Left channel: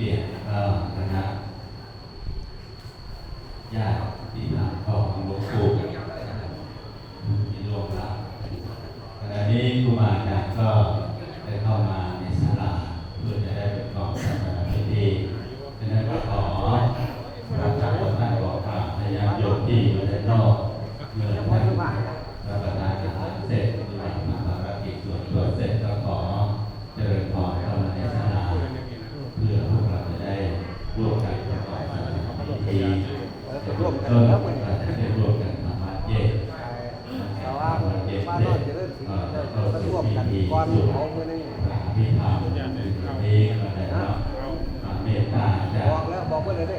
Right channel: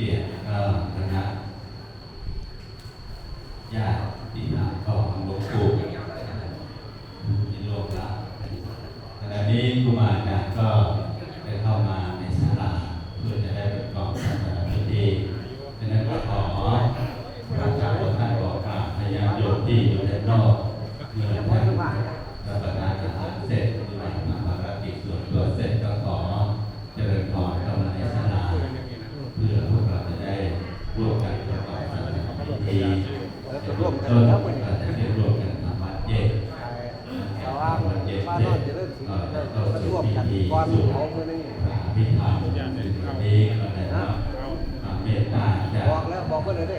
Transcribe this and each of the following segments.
เกียรติคณะญาติพี่น้องของหลวงปู่ที่โลกละขณะนี้ครูบาอาจารย์ก็ได้เข้ามาในศาลาเพื่อจะได้ประกอบพิธีดังนั้นก็ขอประชาชนได้บอกกล่าวพยานโยมที่อยู่ด้านนอกเมื่อท่านรับประทานอาหารเสร็จหรือว่าทำภารกิจส่วนตัวเสร็จก็ขอเจริญพรเข้ามาในศาลาเพื่อพวกเราจะได้ร่วมกันประกอบพิธีร่วมกันแล้วมันจะได้ร่วมกันทำวัดเย็นแต่ว่ามาเริ่มจะเริ่มถึงร่วมกันก่อนเขาเมื่อนี้พิธามนี้เมตตาบอกแล้วบอกไปเลยเด้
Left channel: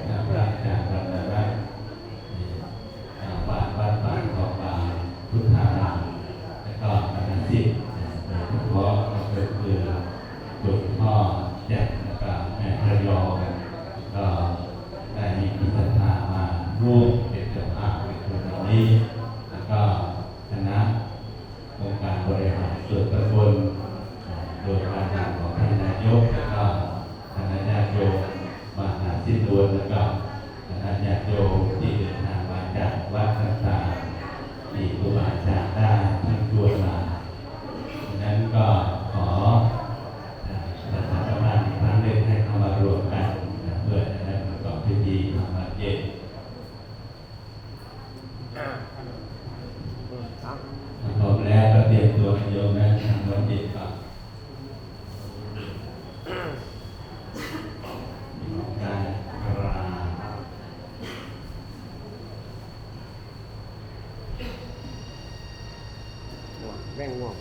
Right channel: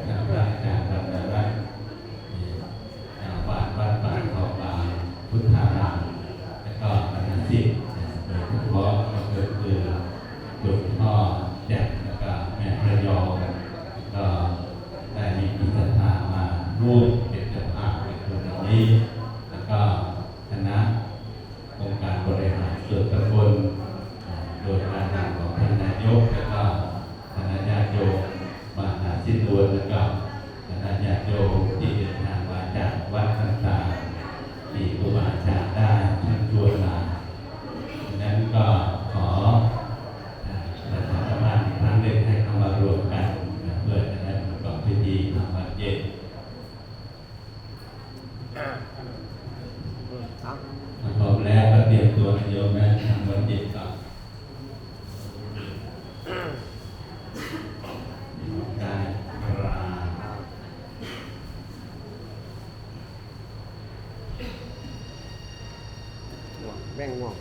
วัดของพุทธารามแล้วก็ที่เพราะก็คือหลวงพ่อแจ่มแล้วก็แม่พระยองก็ได้มีพิธีมาร่วมเป็นเจ้าภาพในครั้งนี้แล้วก็คณะองค์การบริหารส่วนตำบลโดยการนำของท่านนายกแล้วก็คณะญาติโยมมหาสิทธิดวนแล้วก็คณะญาติโยมที่เดินทางมาจากวัดต่างๆที่ครูบาอาจารย์ได้ท่านชวนมาดังนั้นก็ขอประชาสัมพันธ์อีกครั้งหนึ่งให้เข้ามารวมกันเพื่อจะได้ประกอบพิธีทำวัดเย็นพร้อมแล้วก็เตรียมตัวโยมแม่ทำวัดเย็นก่อนได้แม่งง่วง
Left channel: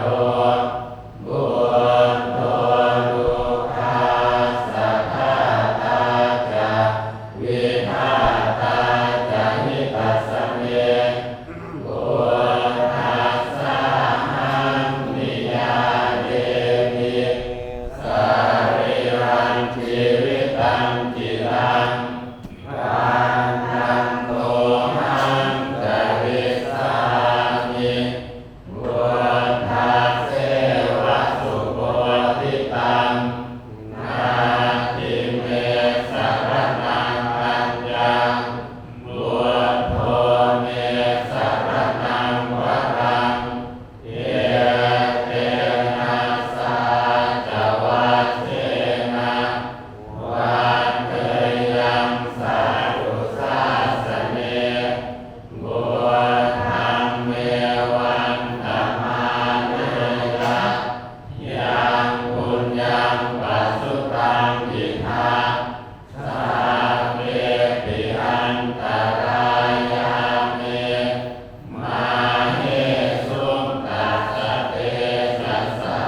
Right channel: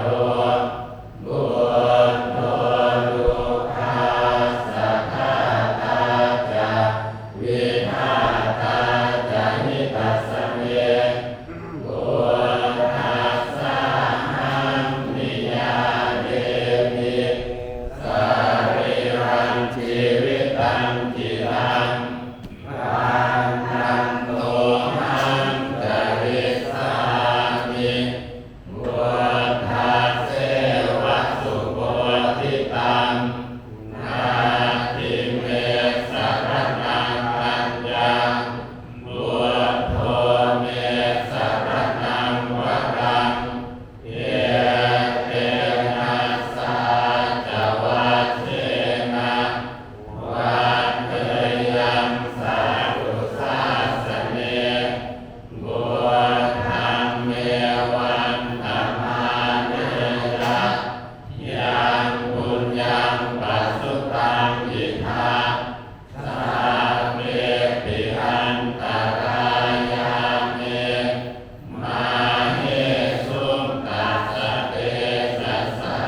โรบุญโทดุขัสสะทาตาจาวิหาตาจาหิตัสสะเมบุญทัสสะหังนิยาเดมิสาริรังชีวิตังจิตังปันนันโตหังจริสามิบุญทัสเสวะสุโคติตังนาทิเมสรณังอัญญังบุญโทเมสรณังวรังเอเตนะสาจวัชเชนะวันเทยังสาธุสาสเนบุญธรรมเมวันธรรมาเนนะยังบุญยังปัสสุตังยิทาสาเปปิอันตรายาเมมาเหสุงตัสสะเตสัสสะ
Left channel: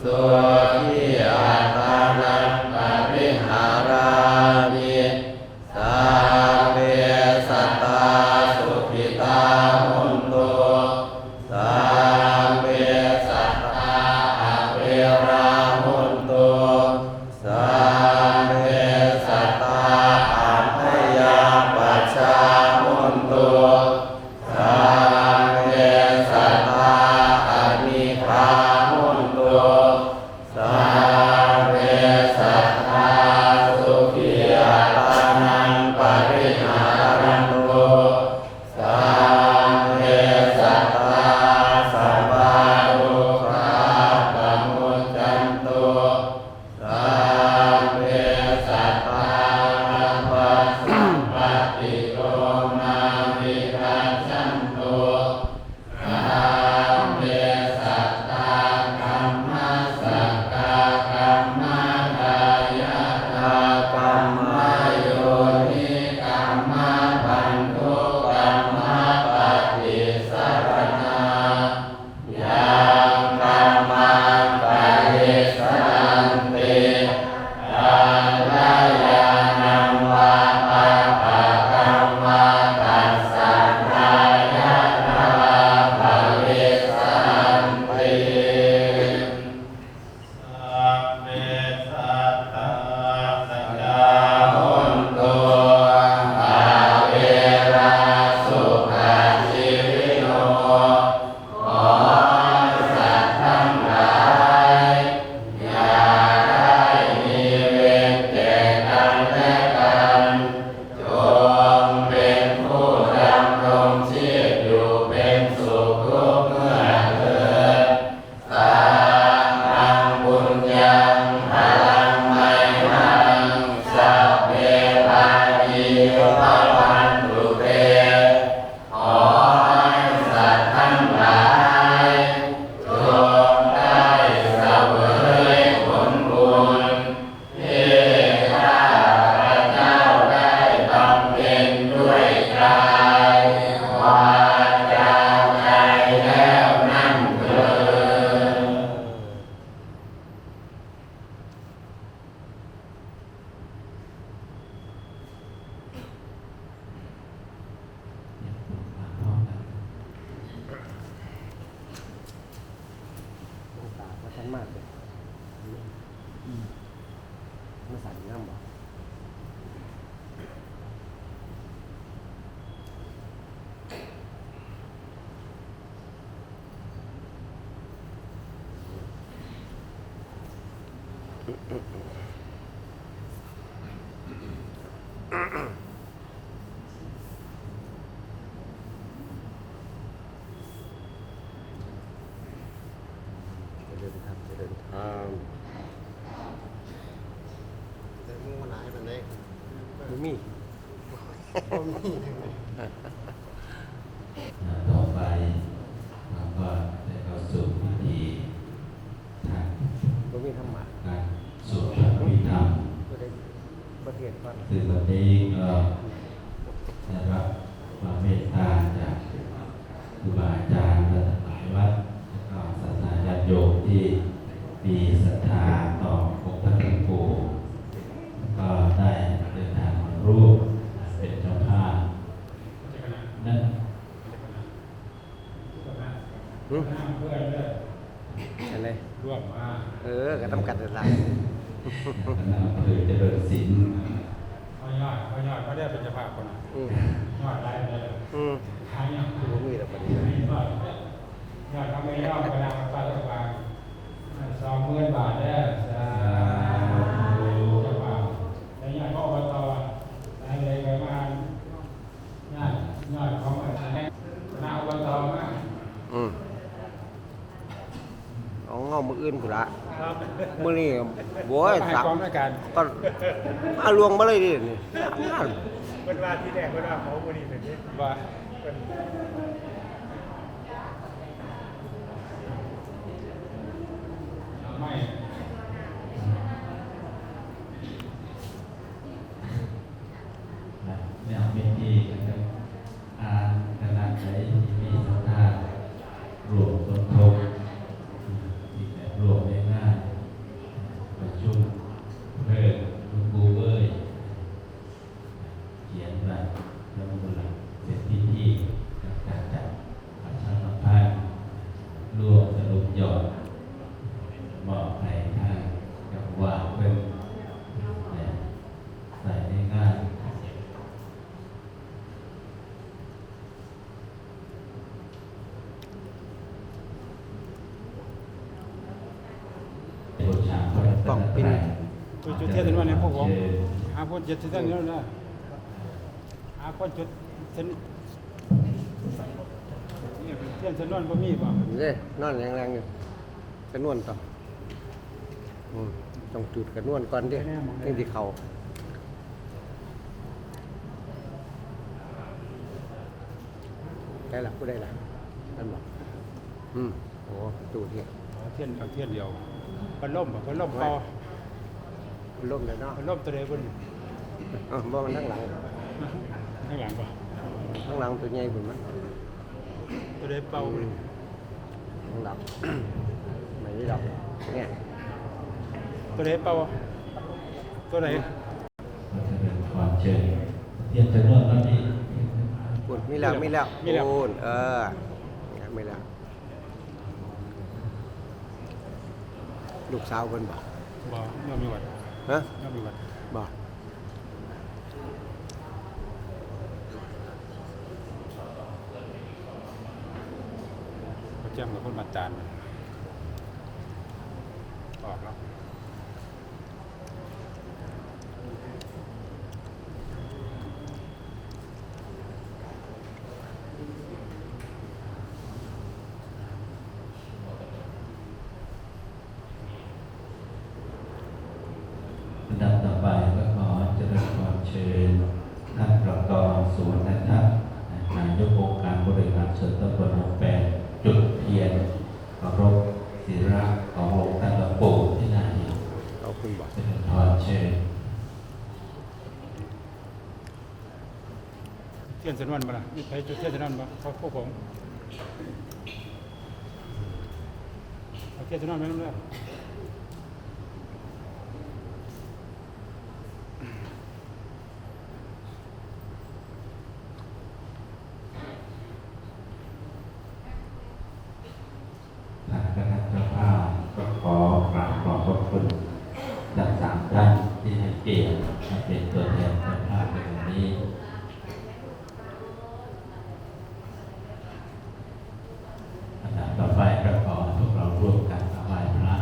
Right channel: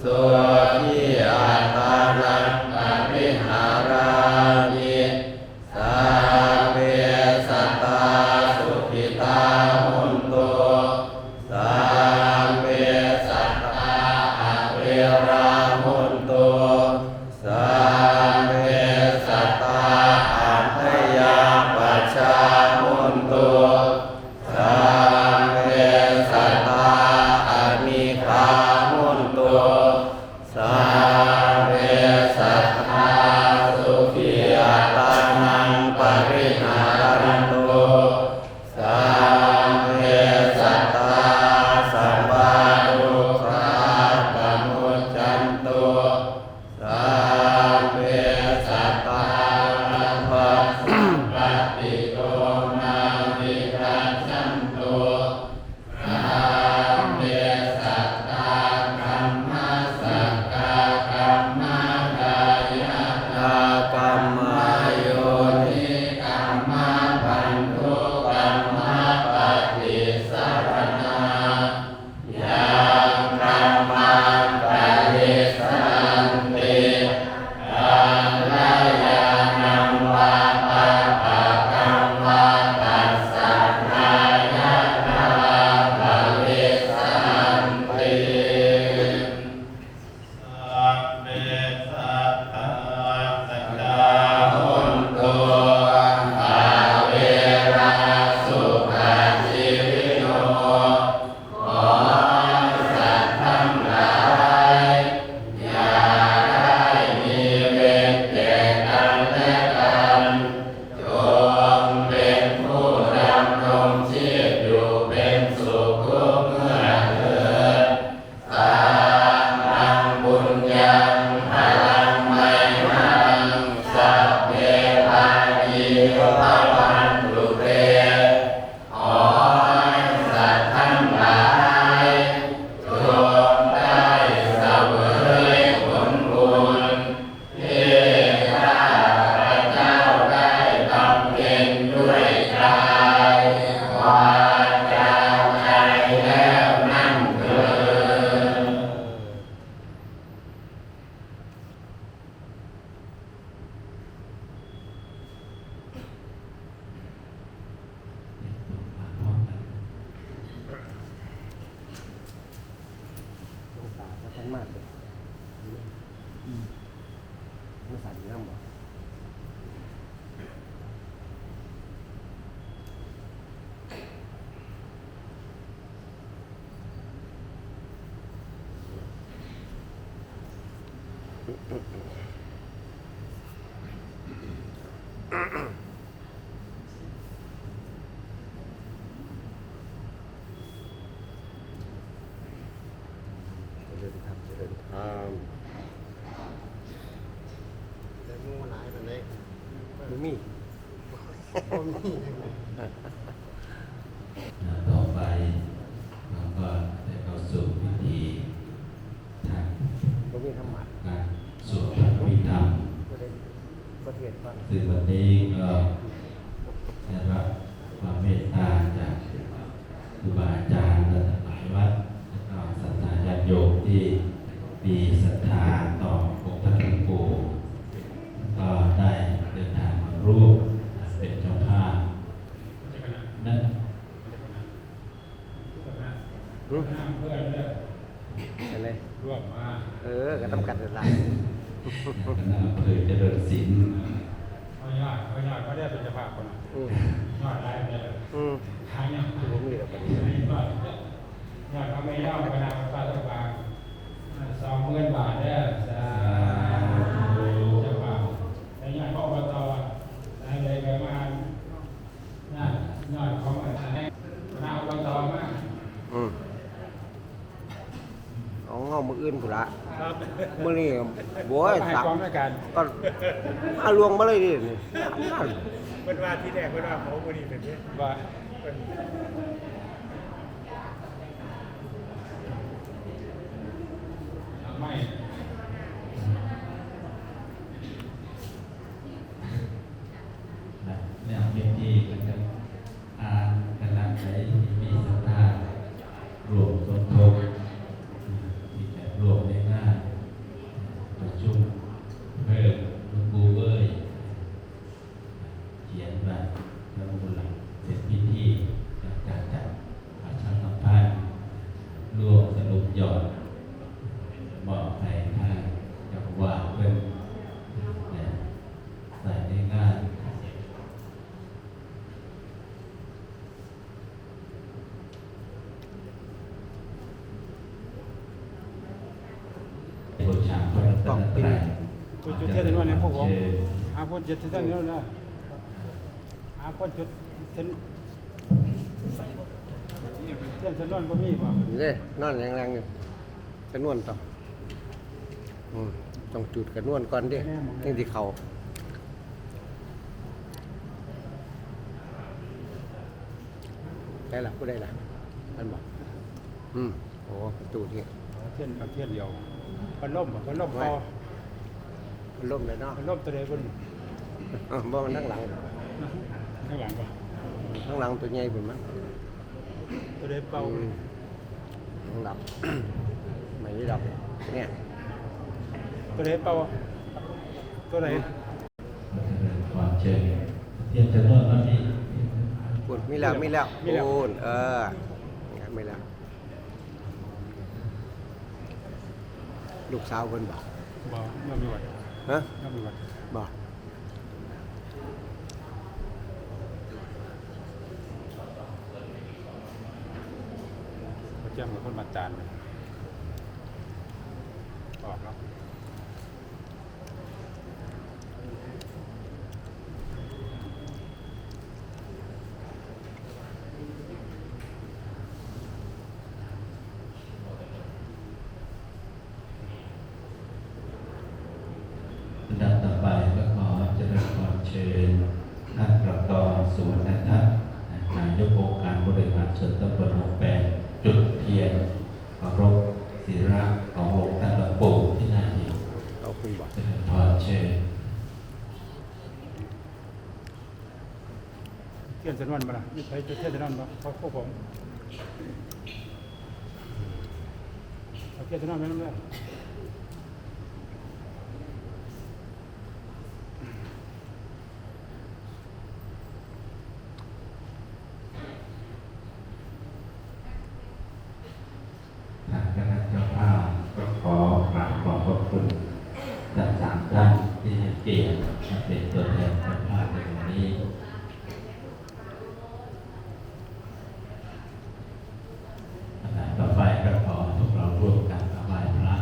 สุขีอัตตานังปริหารามิสัพเพสัตตาสุขิตาหุนตุสัพเพสัตตาอเวราหุนตุสัพเพสัตตาอันธยาปัชชาหุนตุสัพเพสัตตาอมิคาหุนตุสัพเพสัตตาสุขีอัตตานังปริหารันตุสัพเพสัตตาสัพพะทุกขาปมุจจันตุสัพเพสัตตาอัปปะสัมปติโตมาวิรัชชันตุสัพเพสัตตากัมมัสสะกะกัมมัฏฐายะตากัมมโยนิกัมมะปันทุกัมมะปฏิสรณายังกัมมังปฏิสรันติกัลยาณังวาปะปะกัมมัตัสสะทายะตาปฏิสันติสัพเพสัตตาสัจจาหุนตุอาเวราสุขาชีวิโนขอสัตว์ทั้งหลายอย่าได้มีเวรแก่กันและกันจงเป็นผู้ดำรงชีพอยู่เป็นสุขทุกเมื่อเถิดสัพพังบุญยังพลังไมหังสัพเพปาญิภวันตุเตขอให้สัตว์ทั้งหลายจงได้เสวยผลบุญที่ข้าพเจ้าได้บำเพ็ญด้วยกายวาจาใจแล้วนั่นเถิด อ เดินทางเดินทางแต่งูหลายมันเล็กบ่มี ต่อไปเราก็ได้เข้าสู่พิธีทาง บ่มีธรรมะ การสวดพระอภิธรรม บ่ได้บ่เทียนว่า ซึ่งตอนนี้ก็ได้รับความเมตตาจากครูบาอาจารย์และวัดและก็ศาสนาญาติโยมที่มีศรัทธาต่อองค์พระพุทธปู่ก็ได้เดินทางมาร่วมเป็นเจ้าภาพนั่น อะไร ร่วมมา ก็ทำกันเดินทาง คณะอำเภอเจริญศิลป์ พญาก็ได้เป็นเจ้าภาพคน อืม ยอดได้เลย อืม ทางนี้ บ่มีแล้ว ยอดทำไม่ยอดพญาไปรัฐบาล20,000 บาทได้จะเจ้าภาพแต่ยอดพ่อบตอะไรประมาณยอดของมันให้นายอบตมาก อืมเอาเงามืออื่นพุ่นละมื้อนี้โว้ย ให้ สัก กองด้วยกัน ก็มาลวงมาเลยดินี่ เป็นว่าที่แรกเป็นว่าเขาคนนี้เป็นว่าไม่ เนี่ยเป็นที่คณะไหนที่มีศรัทธารวมต้นทุนที่แบบรวมได้ง่ายประชุมเริ่มคุณครูเอ้ยเขียนมาลงมือเสร็จพิธีการจัดประชาสัมพันธ์รวมสรุปยอดบอกใครท่านกับว่าเพิ่มเนี่ยใส่ได้ง่าย ต้องเป็น จุดเทียนว่าเนี่ยพวกผมพูดจุดเทียนนั่นนะพูดจุดเทียนเทียนจะนอนก็มีป่ะ เด้นอนแรงๆอยู่กระนวนต่อต้องจุดกระนวนก่อนเด้นี่ที่เขาได้ละผู้ได้ละนั่นบ่โอ้จุดเนี่ย เทียนกับเทียนเดียวพัดลมเป่า ล่มเลยเนาะ พัดลมตัวเดียวบน บ่มันนั่งหลัง ข้างหลังป่ะ ข้างหลังตัวใหญ่ผมมั้ง ตัวเดียวเป่า ข้างหลังไหนนี่เราเนี่ย ตัวเดียวเป่าตัวไหน ความเชิญเทียนจำนวนเท่านี้ พูดมีแล้วพูดไม่แล้วลูกสาวคนบอก ไม่มีวัน ฮะ ไม่มีวัน บอก เขาแจ้งมาเพื่อมาตานดังต่อไปก็ขอเจริญพรเชิญท่านประกอบสวนนะครับนายกองค์การบริหารส่วนตำบลหนองแปงจุดเทียนเคารพศิระขององค์ท่านหลวงปู่ที่นั่น เอาคุณบอก เจริญพรเชิญ เทียนจำนวนป่ะมีใครจุดเทียนจำนวนป่ะเขาพวกผมเทียนจำนวนไม่รู้เลย ทางคณะเจ้าภาพก็ขอกราบขอบพระคุณทั้งสามท่านที่ให้เกียรติมาเป็นตัวแทนเจ้าภาพในวันนี้ต่อไปก็ขอพวกเราร่วมกันถวายพระ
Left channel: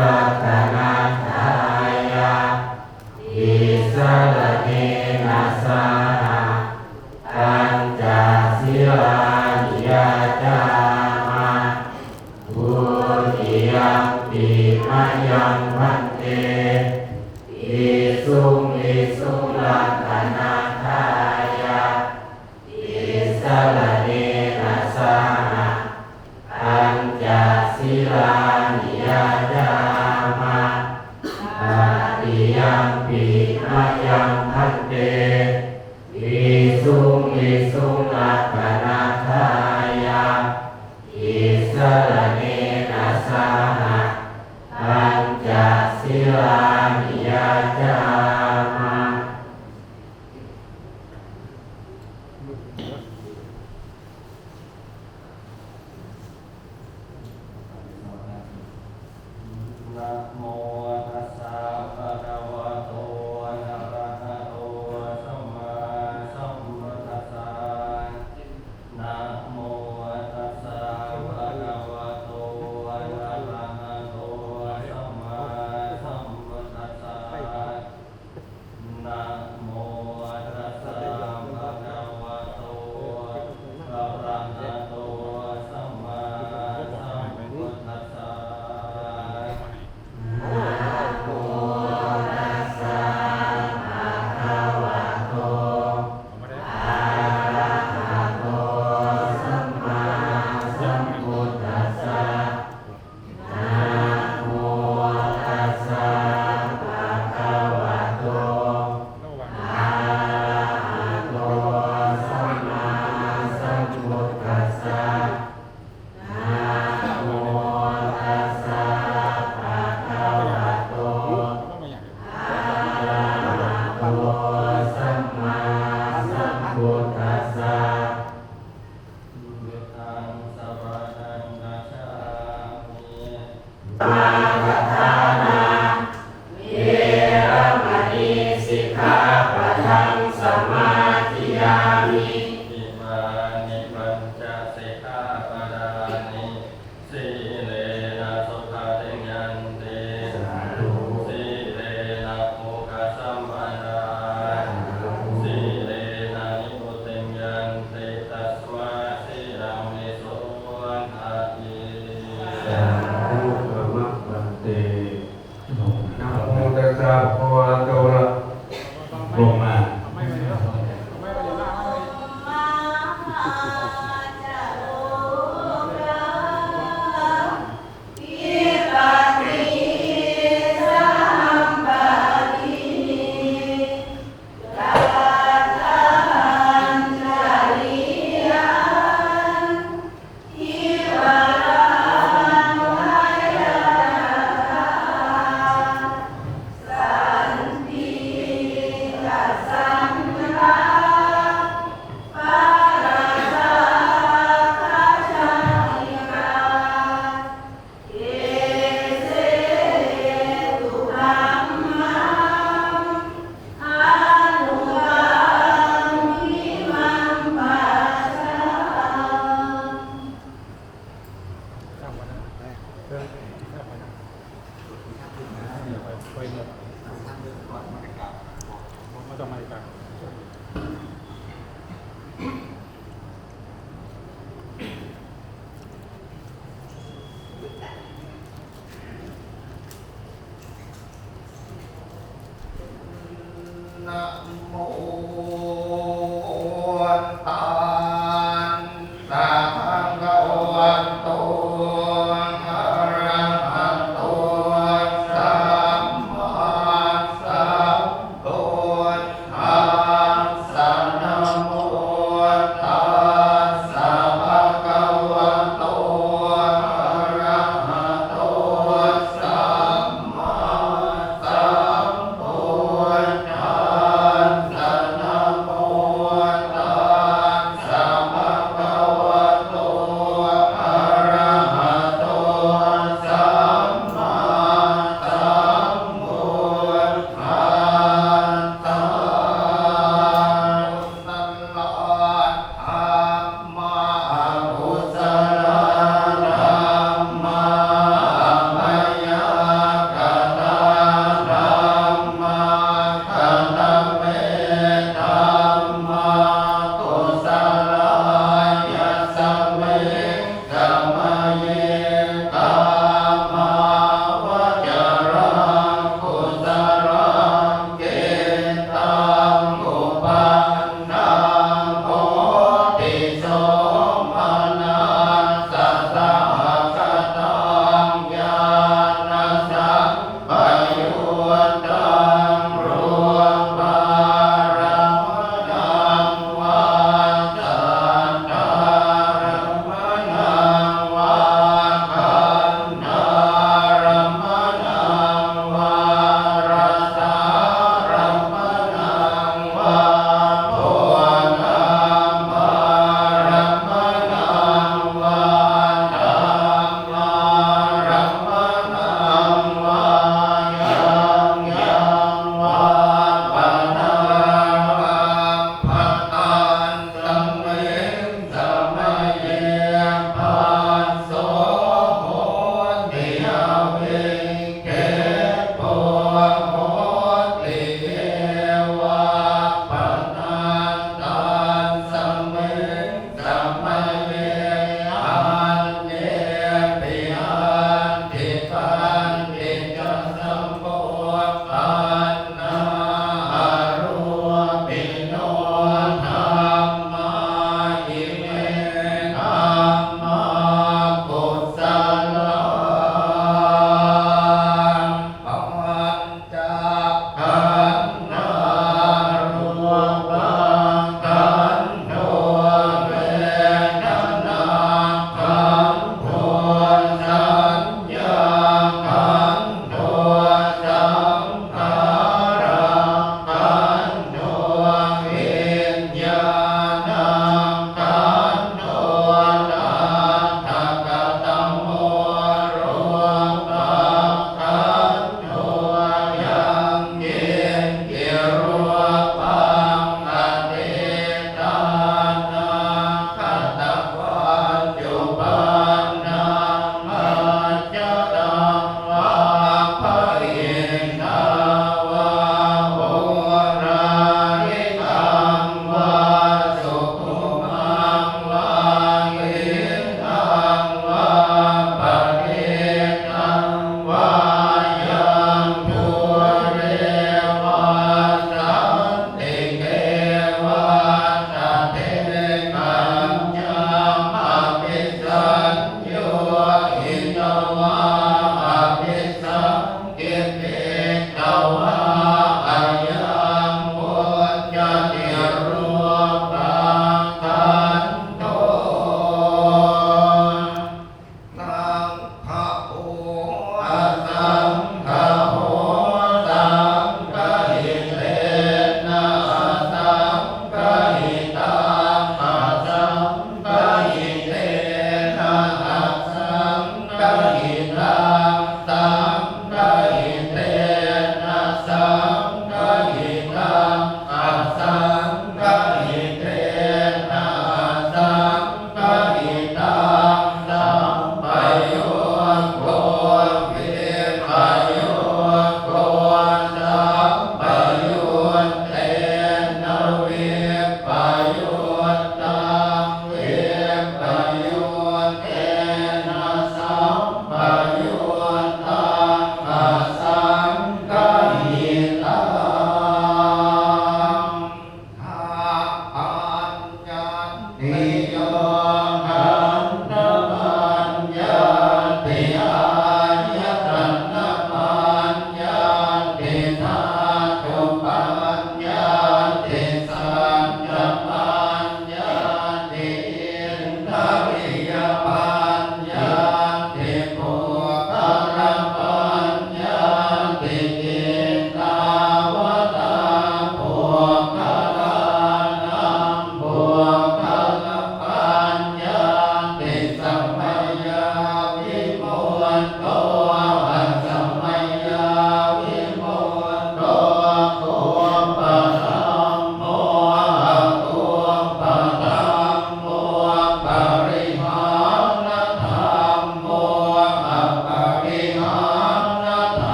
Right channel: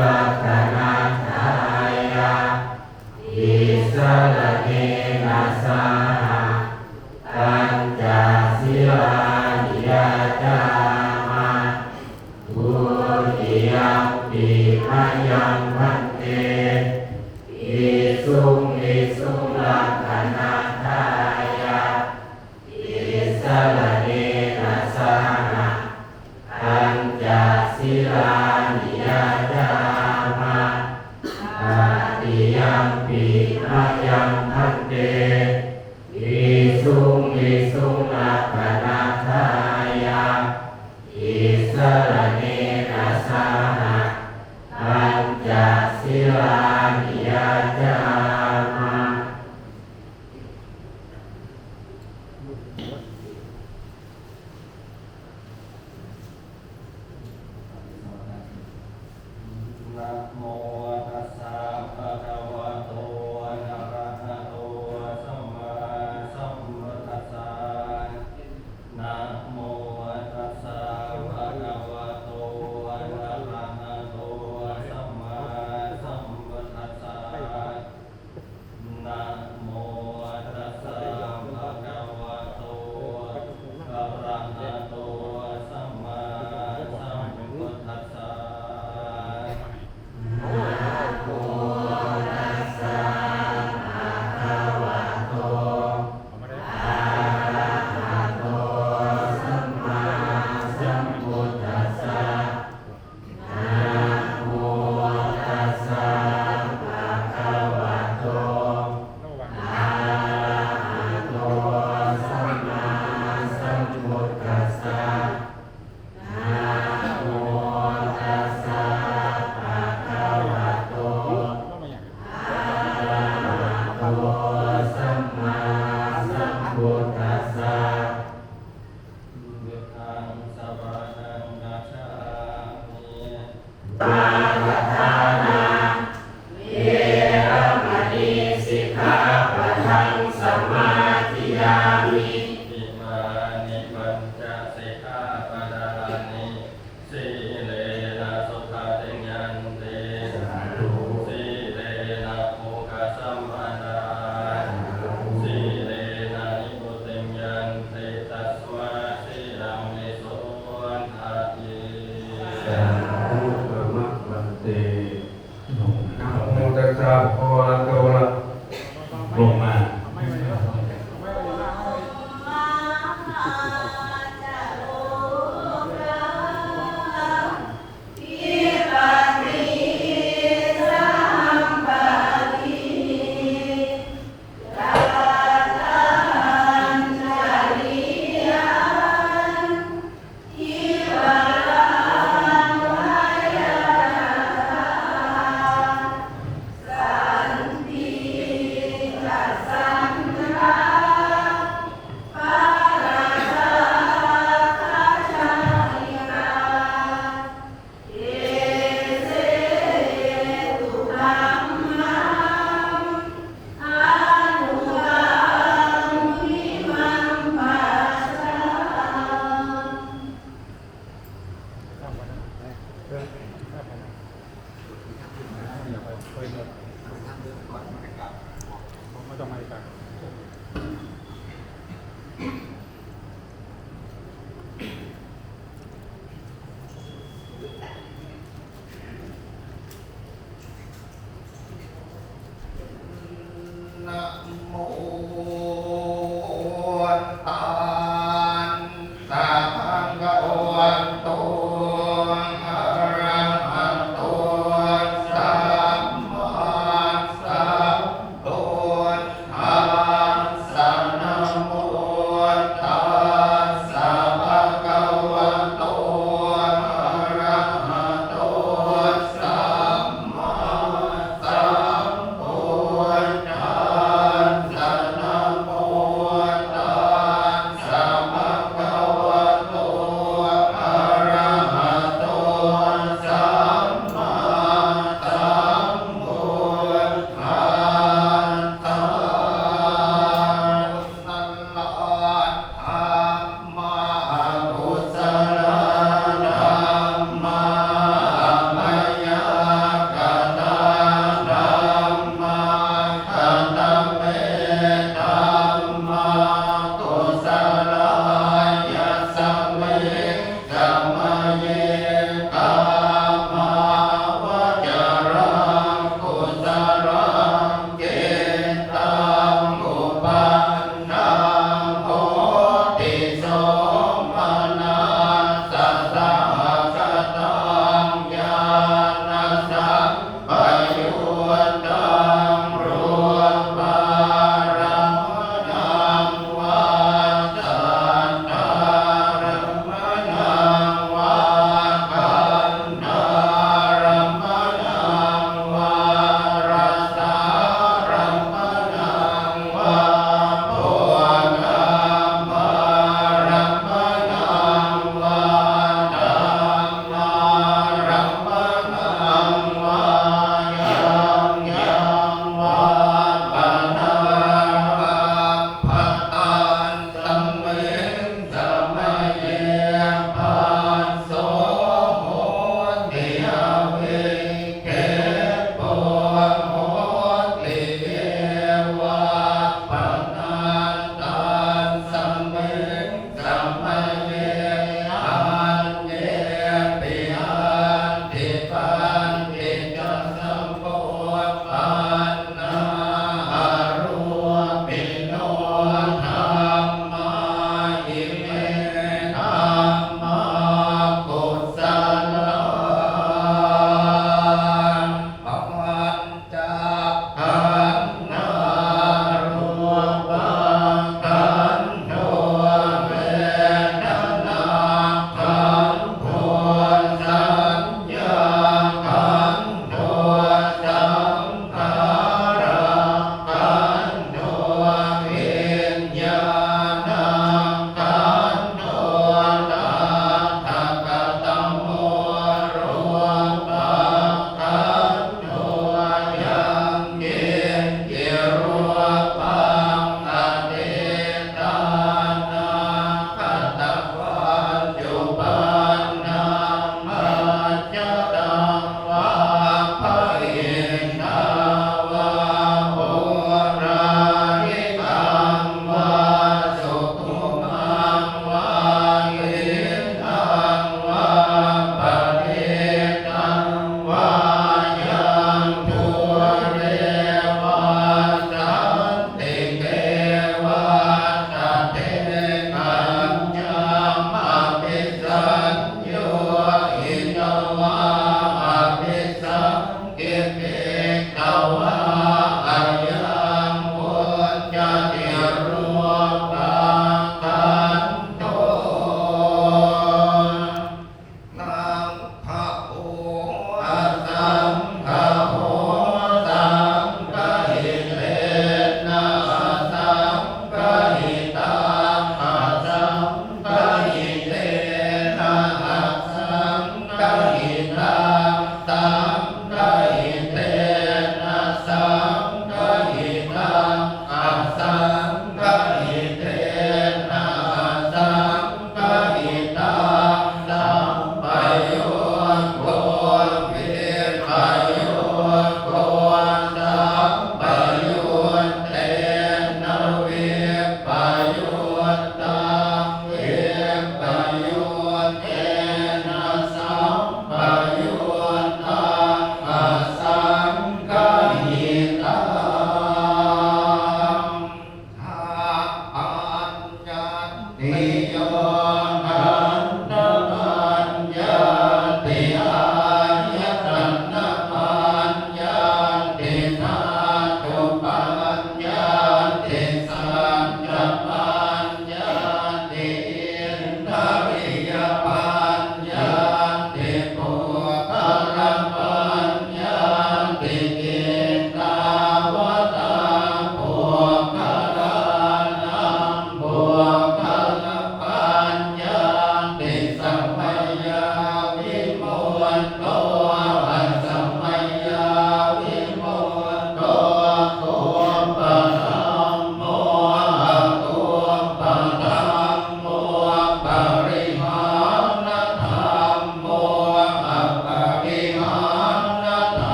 รัตนาทายาอิสรเนนะสาปัญจศีลานิยจามาบุติยังปิมายังพันเตอิสุงรัตนาทายาอิสรเนนะสาปัญจศีลานิยจามาบุติยังปิมายังพันเตอิสุงรัตนาทายาอิสรเนนะสาปัญจศีลานิยจามา นะโมตัสสะภะคะวะโตอะระหะโตสัมมาสัมพุทธัสสะนะโมตัสสะภะคะวะโตอะระหะโตสัมมาสัมพุทธัสสะนะโมตัสสะภะคะวะโตอะระหะโตสัมมาสัมพุทธัสสะ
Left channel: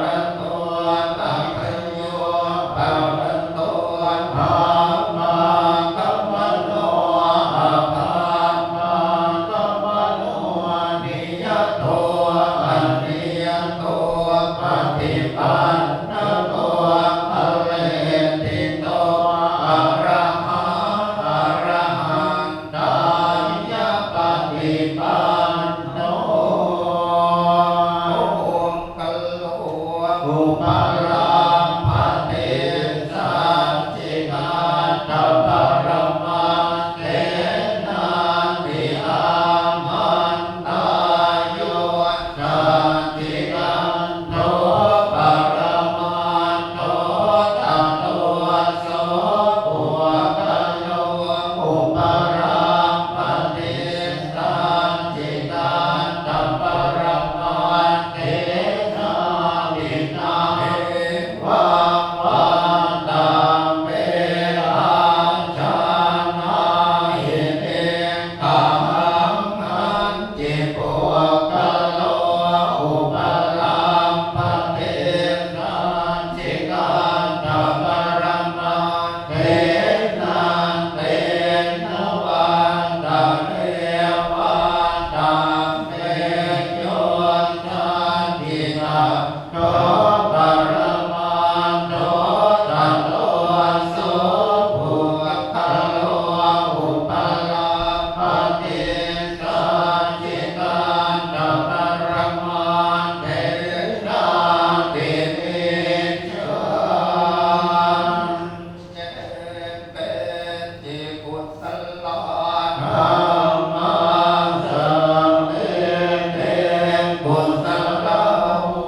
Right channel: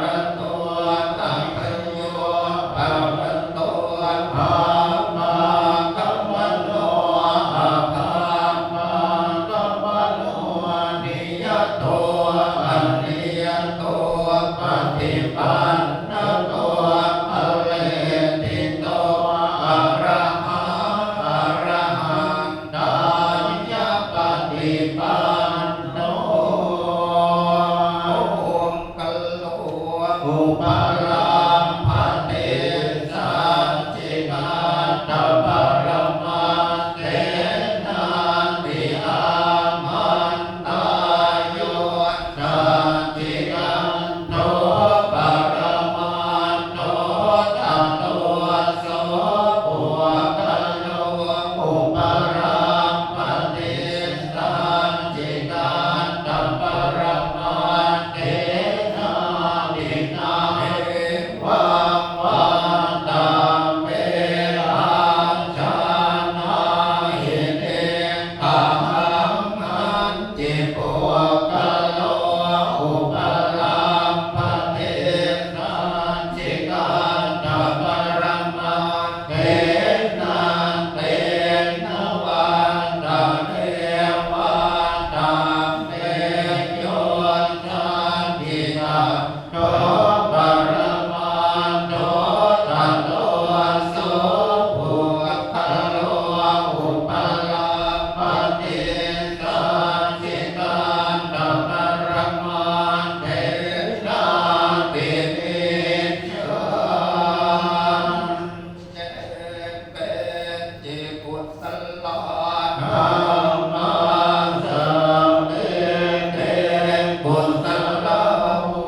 ระโตตัพพโยภะระโตธัมมากัมมโนอะภามากัมมโนนิยโตอะนิยโตปฏิปันนโตภเวทิโตอะระหังอะระหังตายะปฏิปันโนองค์กัลโลอุปาราภเตสัจจินาตปรมาเตนะติอามันตายโยนาติกันโตปรมาโตตันโตโสปุกโยอุปาราภเตสัจจินาตปรมาเตนะตินาเอวะวะตังเวลาชานาหิเตอะหังอันจิโกกัลโลอุปาราภเตสัจจินาตปรมาเตนะเตนะวันตังเทวันตังเตโยชันตินาโตปรมาโตตันโตโสภุคโลอุปาราภเตสัจจินาตปรมาเตนะติเตชะเจเปจิกุสลานามาสัมเมเตกุสลามุ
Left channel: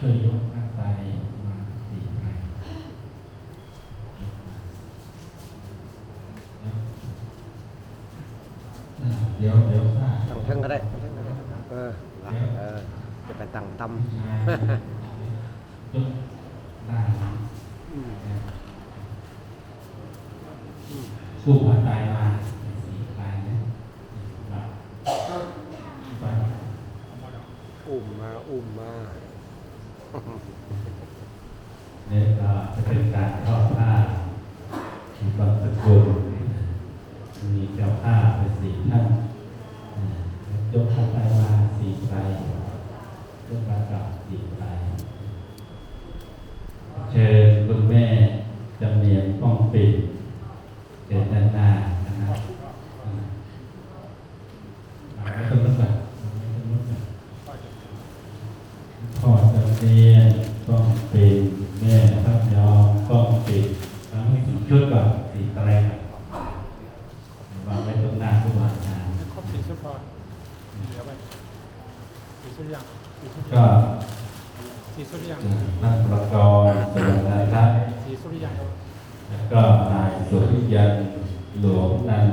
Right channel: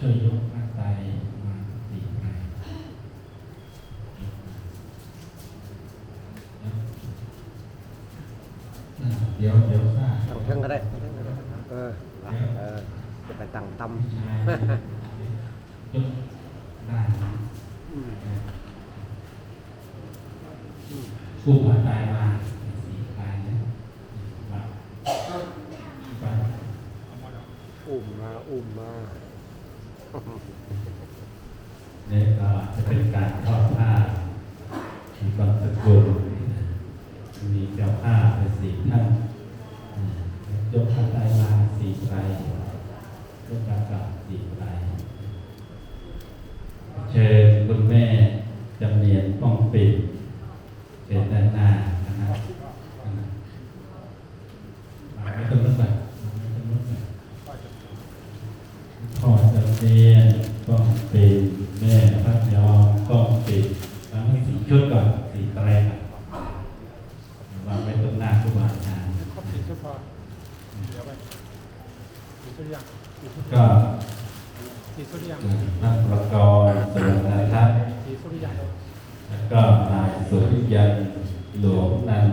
ช่วยยกหน้าใจมาสี่ครั้งเดี๋ยวค่ะ ตั้งเทิงก็ได้ตั้งเทิงก็ได้จะไปตั้งตำ ยกหน้าผู้หัวใจมาสี่ครั้งนะ อุ้มมา เนี่ยก็จะเป็นการทอดผ้ามีกองสกุลมีแก้วผ้าเป็นสีท่านยกพระไตรมาสีไตรยกพระกลับสีไตรเชิญคุณแม่จำเนียนป้องปิดเป็นด้านหน้านะครับไม่ต้องนึกแบบพ่อจำเนียนป้องปิดแม่พระยอมป้องปิดทั้งให้สีชุดก่อนสีแตรเราไม่ต้องหน้าทุกวันนะก็ท่านประกอบส่วนนะครับแล้วก็นายสุริยันหลวงนัน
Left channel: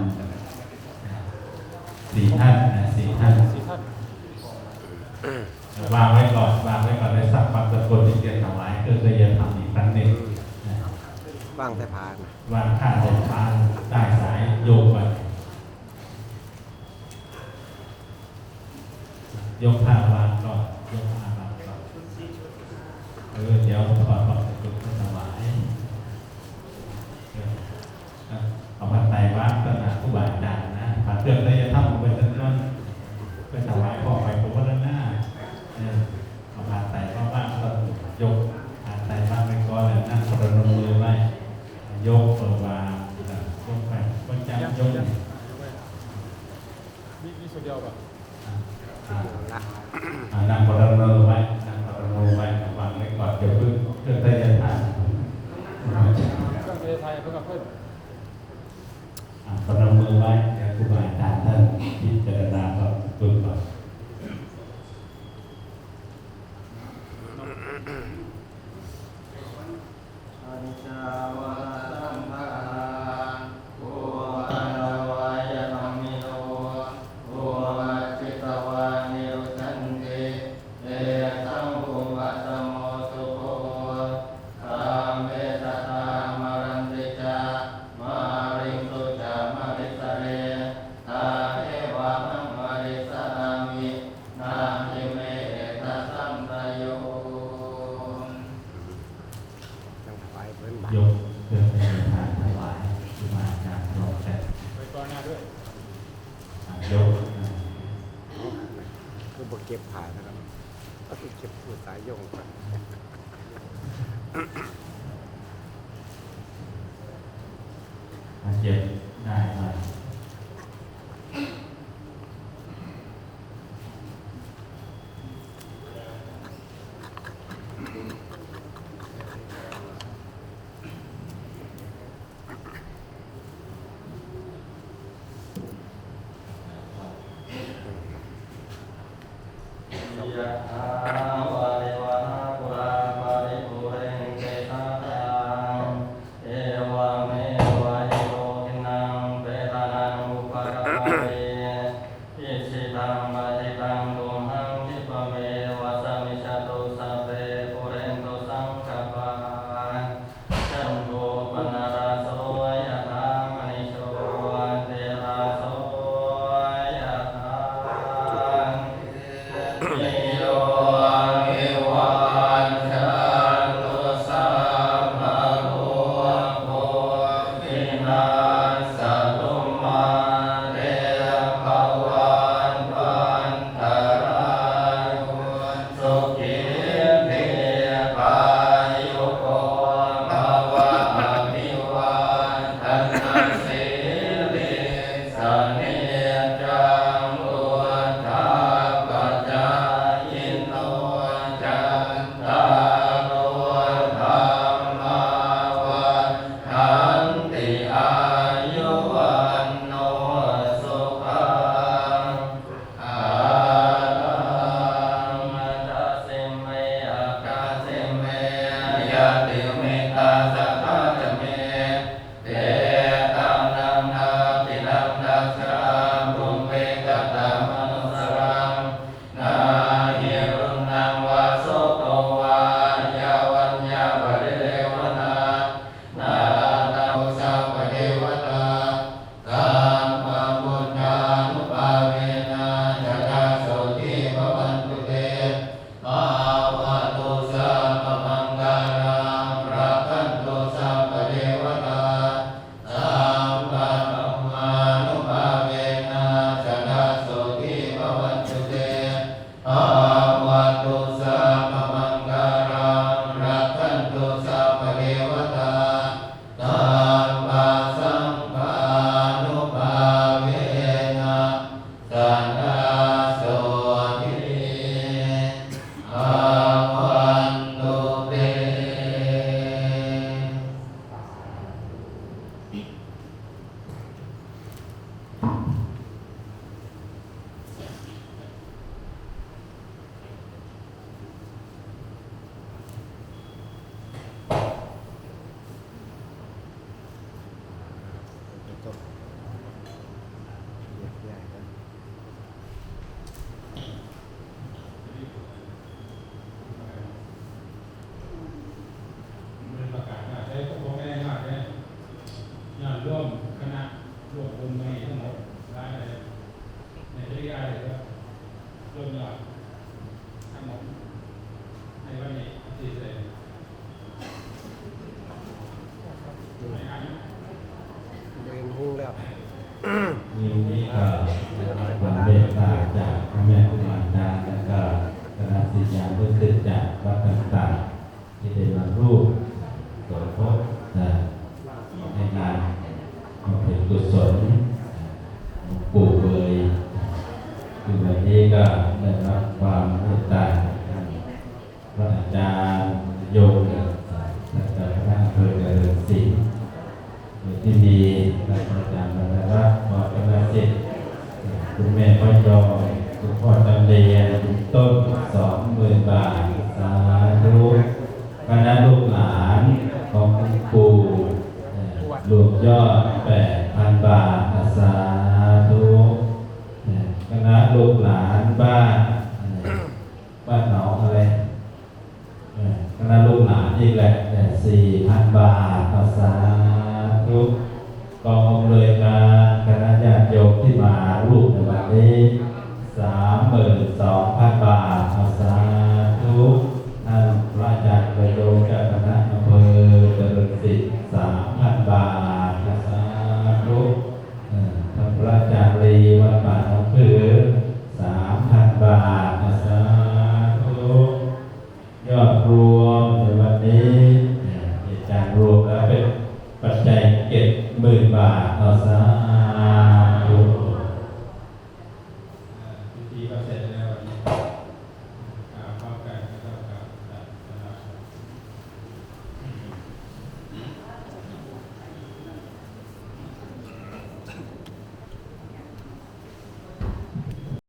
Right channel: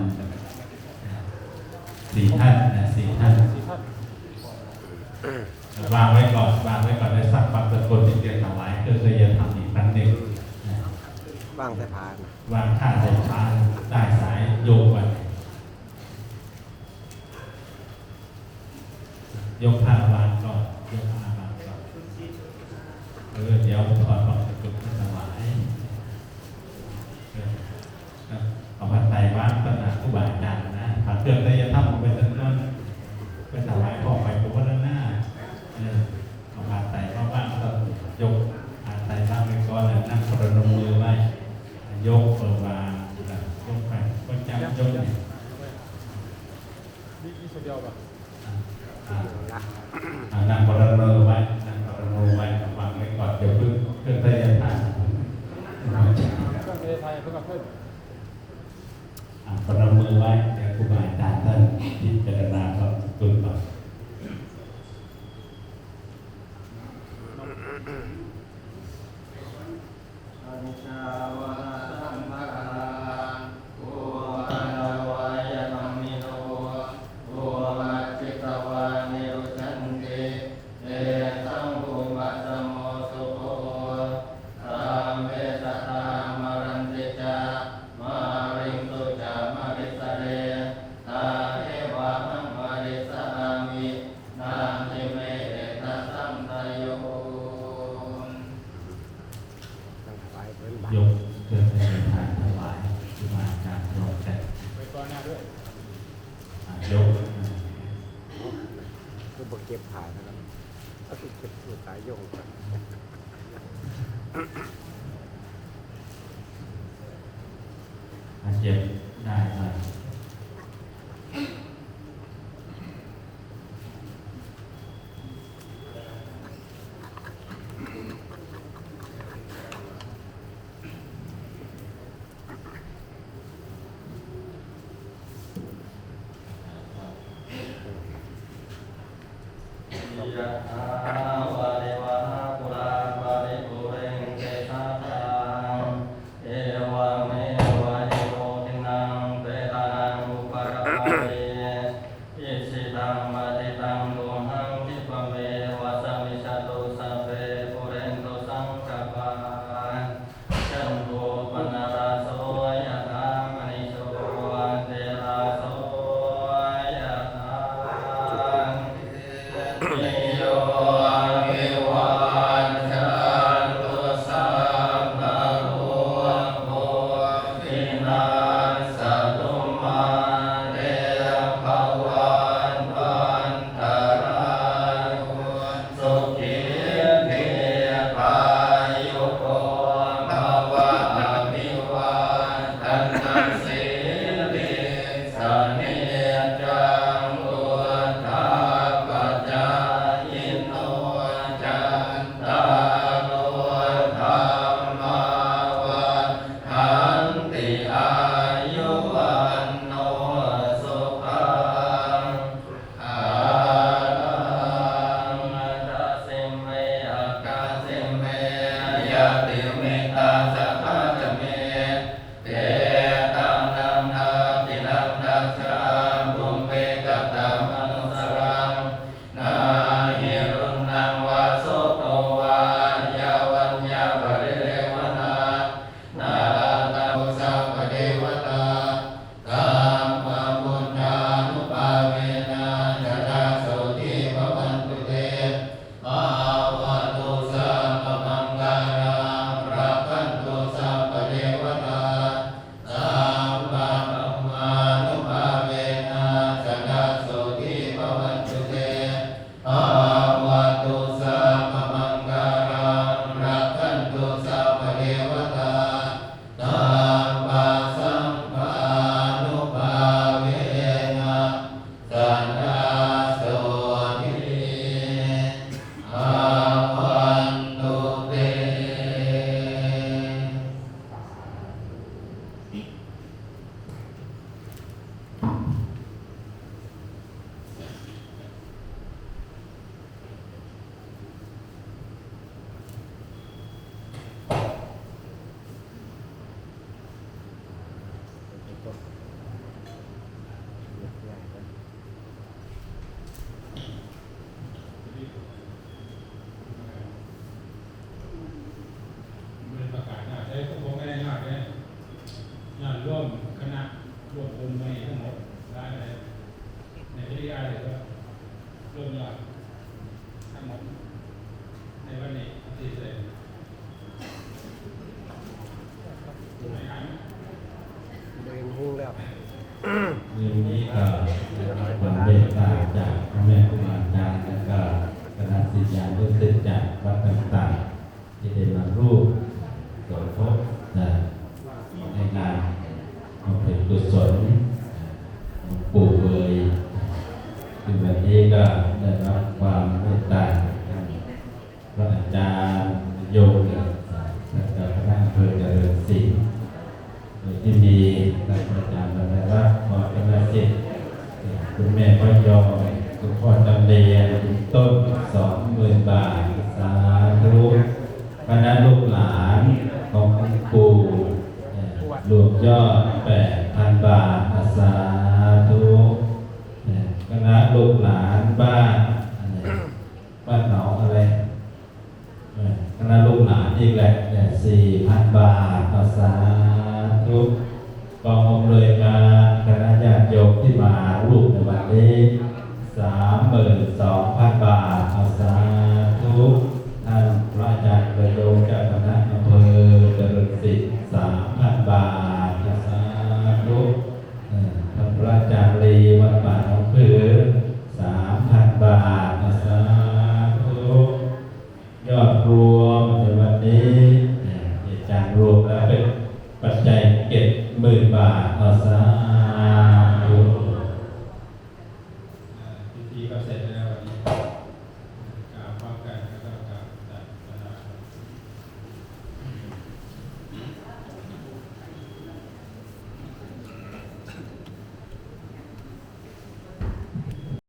สี่ท่านสี่ท่านวางไว้ก่อนในสักความสกุลที่เกี่ยวกับหลายเพื่อจะยังทำอีกครั้งหนึ่ง ว่างแต่ผ่าน วางข้าสายพานได้สายโยกไปยกผ้าวางก่อนยกผ้าวางก่อนเดี๋ยวขอจุดสบายเอาผ้าไตรวางก็จะผู้บาดเจ็บนะผ้าเตือนได้จะทำไปทั้งนั้นก็ถวายพ่อไปผมว่าด้านหน้าเอาผ้าไตรเข้าบ้านก็ยกผ้าไตรเข้าไปก่อนนั่งประนมเลยไหมยกตัววางยกไปก็จำยกนั่งประนมไว้นั่งประนมไว้วางไว้ก่อนเดี๋ยวเพื่อได้จะทานประนมไว้คือหมายฐานท่านพิจารณาครับคุณก่อนอนิจจาวะสัมภาระโอปันวายนามิโนโอมัจจิตวานิรุทันติเต นตโย ต้องถวายเพิ่นบาท ยกเครื่องในทางถวายขึ้นมาจากโลกแต่ยก คือบกเก็บผ่านนะครับก็คือเก็บผู้ขายโยงไป เจ็บได้ไหม ยะถาวะริวหาปุราปาริปุเรนติสาคังเอวะเมวะอิโตทินังเปตานังอุปกาปะเรอิสิตังปฏิตังตุมหังคิปะเมวะสมิจฉตุสัพเพปุเรนตุสังฆปาจันโทปนราโสยะถามณิโชเทราโสยะถา นิโยวิวันจันตุสัพพะโพโพวินาศตุมาเตภวันวันตรายโยสุขีติกายุโกภวะอภิวันตันตสิริสเนจังอุทธาปัจจายโนจันตาโนธรรมาวันทันติอายุวันโนสุขังอาลังตัสสิเมอาคาสิเมยะติเมตาสัพพะเมเตตังนัมนาปินัมนัสสะบุญเวกัตตะมนุสรังนาหิรุนังวาโสโตวายาวัญญาภริเรวนานาลาตังสัพพะเทวตาตัมมังบุญญานุภาเวนะยะถาโสติภวันตุเตภาวะตุสัพพมังคารังรักขันตุสัพพะเทวตาสัมมามานุภาเวนะยะถาโสติภวันตุเตภาวะตุสัพพมังคารังรักขันตุสัพพะเทวตาสัมมาสัมมานุภาเวนะสันทาโสติภาวันตุเต เป็นประกาศนะได้พวกไม่ได้มากเลยงานร่วมคณะร่วมองค์ในทั้งหมดร้ายอะไรในที่ได้เลยว่าร่วมยอดทั้งหมดในวันนี้ที่เลยในอันนี้ เดินหุ้งแล้ว มีนี้ก็ความเมตตาจากพระแม่ครูอาจารย์และก็คณะศิษยานุศิษย์จากวัดต่างๆที่ได้มาร่วมสมทบในงานบำเพ็ญกุศลหลวงปู่เบยคือวันนี้ก็ได้รับความเมตตาพระอาจารย์โยมและก็พระอำเภอเจริญศรีที่มีอาจารย์บรรลักษ์ขอคณะศิษย์คุณแม่พ่อยอมคุณพ่อจำเรียนต้น20,000 บาทสาธุคณะลูกหลานของคุณปู่รวมยอด 8,000 บาทสาธุคณะลูกหลานบ้านหนองอะไรคณะลูกหลานอีกแหละ 4,000 บาทสาธุกองอำนวยการคณะญาติโยมที่มาร่วมในวันนี้ 32,000 บาทสาธุ 10,000 บาทเอาสา